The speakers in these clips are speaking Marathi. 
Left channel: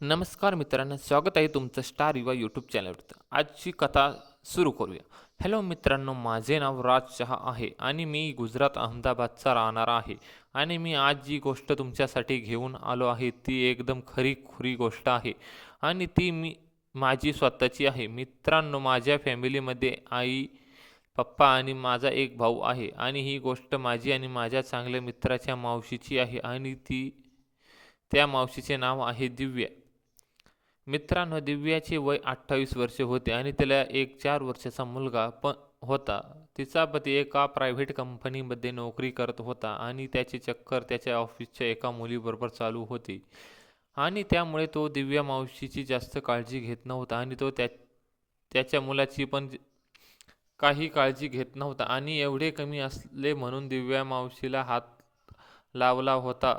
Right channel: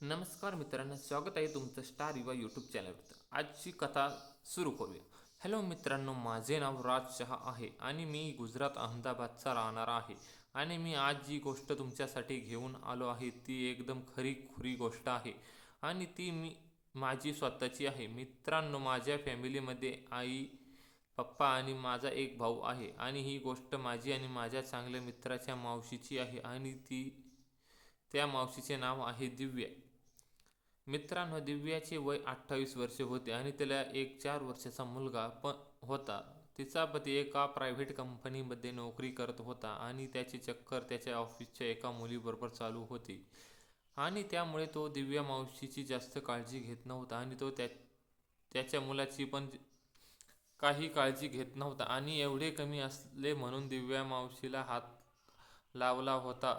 नमस्कार मित्रांनो, स्वागत आहे तुमचं स्टार युवा यूट्यूब चॅनलवर. आजची कथा सुरू करूया. हॅलो मित्रांनो, माझे नाव राज शहा आहे आणि मी गुजरात अहमदाबादचा राहणारा आहे. आणि मी आज जी गोष्ट तुमच्यासाठी घेऊन आलो आहे ती एकदम खरी गोष्ट आहे आणि ती माझी स्वतःची आहे. मित्रांनो, माझ्या फॅमिलीमध्ये आई, पप्पा आणि माझा एक भाऊ आहे आणि ही गोष्ट माझी आणि माझ्या चांगल्या मित्राच्या मावशीची आहे आणि त्या मावशीचे नाव आहे दिव्या. मित्रांनो, दिव्याचे वय 28 वर्षे होते आणि तिला एक 4 वर्षाचा मुलगा पण होता. तिचा पती एका प्रायव्हेट कंपनीमध्ये नोकरी करत होता आणि त्याची चक्कर त्याच्या ऑफिसच्या एका मुलीबरोबर चालू होती आणि त्यामुळे तो दिव्या मावशीची जास्त काळजी घेत नव्हता आणि तो त्याच्या मुलाची पण काही काळजी घेत नव्हता आणि एवढे कमी असले म्हणून दिव्या मावशीला हात लावला होता.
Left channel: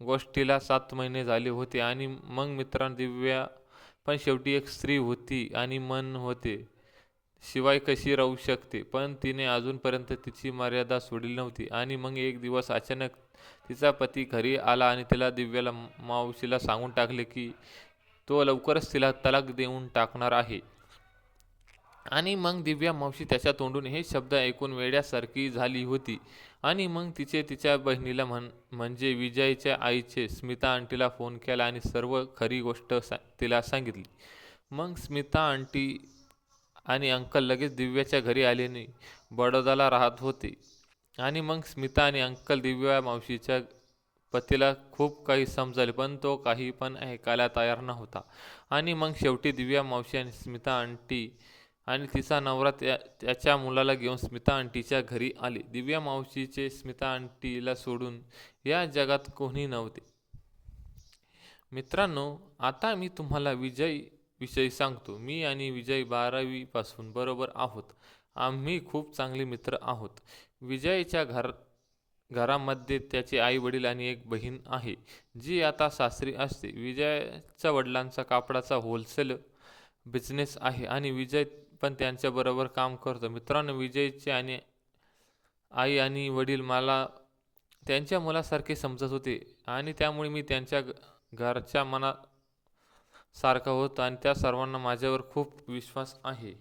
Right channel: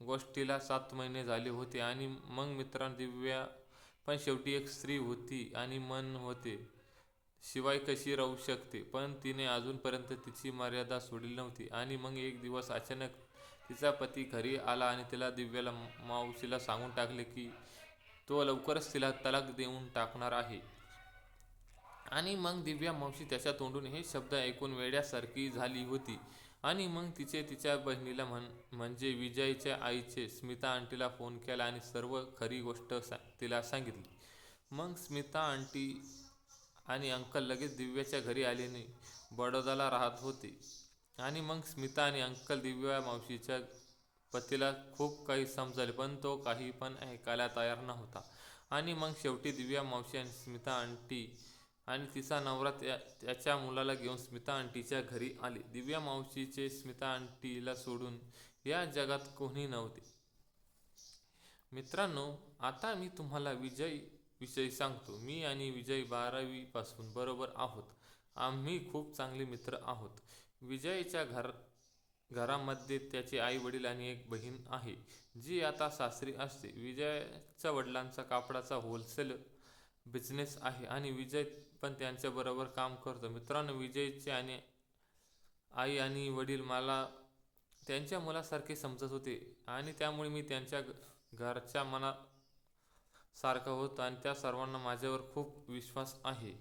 गोष्टीला 7 महिने झाले होते आणि मग मित्रांनो, दिव्या पण शेवटी एक स्त्री होती आणि मन होते, शिवाय कशी राहू शकते. पण तिने अजूनपर्यंत तिची मर्यादा सोडली नव्हती. आणि मग एक दिवस अचानक तिचा पती घरी आला आणि तिला दिव्याला मावशीला सांगून टाकले की तो लवकरच तिला तलाक देऊन टाकणार आहे. आणि मग दिव्या मावशी त्याच्या तोंडून हे शब्द ऐकून वेड्यासारखी झाली होती. आणि मग तिच्या बहिणीला म्हणजे विजयच्या आईचे स्मिता आंटीला फोन केला आणि सर्व खरी गोष्ट तिला सांगितली. मग स्मिता आंटी आणि अंकल लगेच दिव्याच्या घरी आले. बडोदाला राहत होते. आणि मग स्मिता आणि अंकल दिव्या मावशीच्या पतीला खूप काही समजाले, पण तो काही पण ऐकायला तयार नव्हता. आणि मग शेवटी दिव्या मावशी आणि स्मिता आंटी आणि तिचा नवरा त्याच्या मुलाला घेऊन स्मिता आंटीच्या घरी आले. दिव्या मावशीचे स्मिता आंटीला सोडून या जगात कोणी नव्हते. मित्रांनो, आता मी तुम्हाला विजय विषयी सांगतो. मी आणि विजय 12वी पासून बरोबर आहोत. आम्ही खूप चांगले मित्र आहोत. विजयच्या घरामध्ये त्याचे आई वडील आणि एक बहीण आहे जी आता सासरी असते. विजयच्या वडिलांचा कापडाचा होलसेल बिझनेस आहे आणि विजय पण त्यांच्याबरोबर काम करतो. मित्रांनो, विजयचे आई आणि वडील मला त्यांच्या मुलासारखे समजत होते आणि त्यामुळे मी त्यांच्या घरच्या मनासारखा होतो आणि त्या सर्वांना माझ्यावर खूप विश्वास आहे.